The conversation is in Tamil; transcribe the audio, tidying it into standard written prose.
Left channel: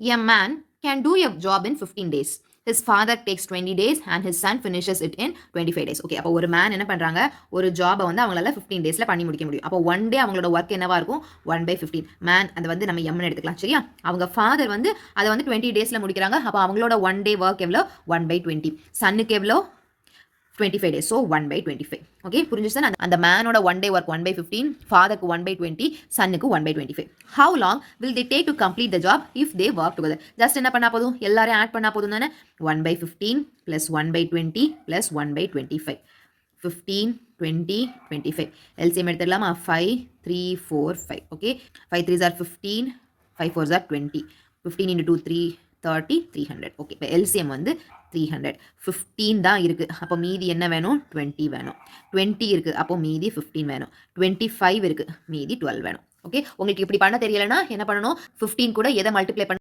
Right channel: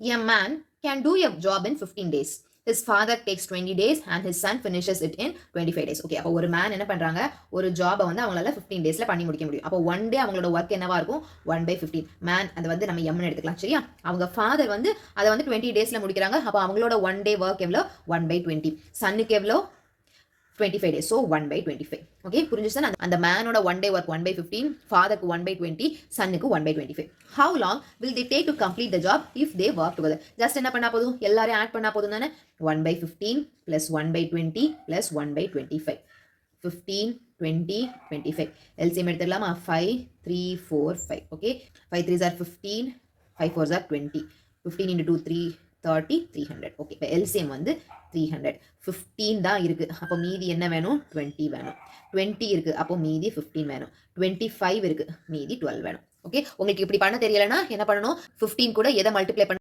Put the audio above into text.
A man can do a job in 15 days. His father takes 20 days and his son finishes it in 25 days. Okay, அப்போ ஒரு மேன் என்ன பண்றாங்க, ஒரு ஜாபை வந்து அவங்களால 15 டேஸ்ல பண்ணி முடிக்க முடியும். அப்போ ஒன் டே அவங்களோட ஒர்க் என்னவா இருக்கும், 1/15. மேன் அதை வந்து நம்ம எம்னு எடுத்துக்கலாம். சரியா? அவங்க ஃபாதர் வந்து அதை வந்து 20 டேஸ்ல முடிக்கிறாங்க. அப்போ அவங்களோட ஒன் டே ஒர்க் எவ்வளோ, 1/20. சன்னுக்கு எவ்வளோ, 25 days. So 1/25. Okay, புரிஞ்சுச்சா? அந்த மேனோட ஒன் டே ஒர்க் 1/15, ஃபாதருக்கு 1/20, சன்னுக்கு 1/25. How long will they take to complete the job if they work together? Just என்ன பண்ணா போதும், எல்லாரையும் ஆட் பண்ணா போதும் தானே. 1/15 plus 1/20 plus 1/25. 15, 20, 25. LCM எடுத்துக்கலாமா? 5, 3, 4, 5. Okay, 5 3s are 15, 5 4s are 20. 15 into 2, 3, 30, 300. Okay, இப்போ எல்சிஎம் வந்து 300. 15 தான் இருக்கு, அப்போ மீதி என்ன வேணும், 20 வேணும். 20 இருக்கு, அப்போ மீதி 15 வேணும். 25 இருக்கு, மீதி 12 வேணும். ஓகே, உங்களுக்கு இப்படி பண்ண தெரியலனா என்ன பண்ணணும், 15 கூட எதை மல்டிப்ளை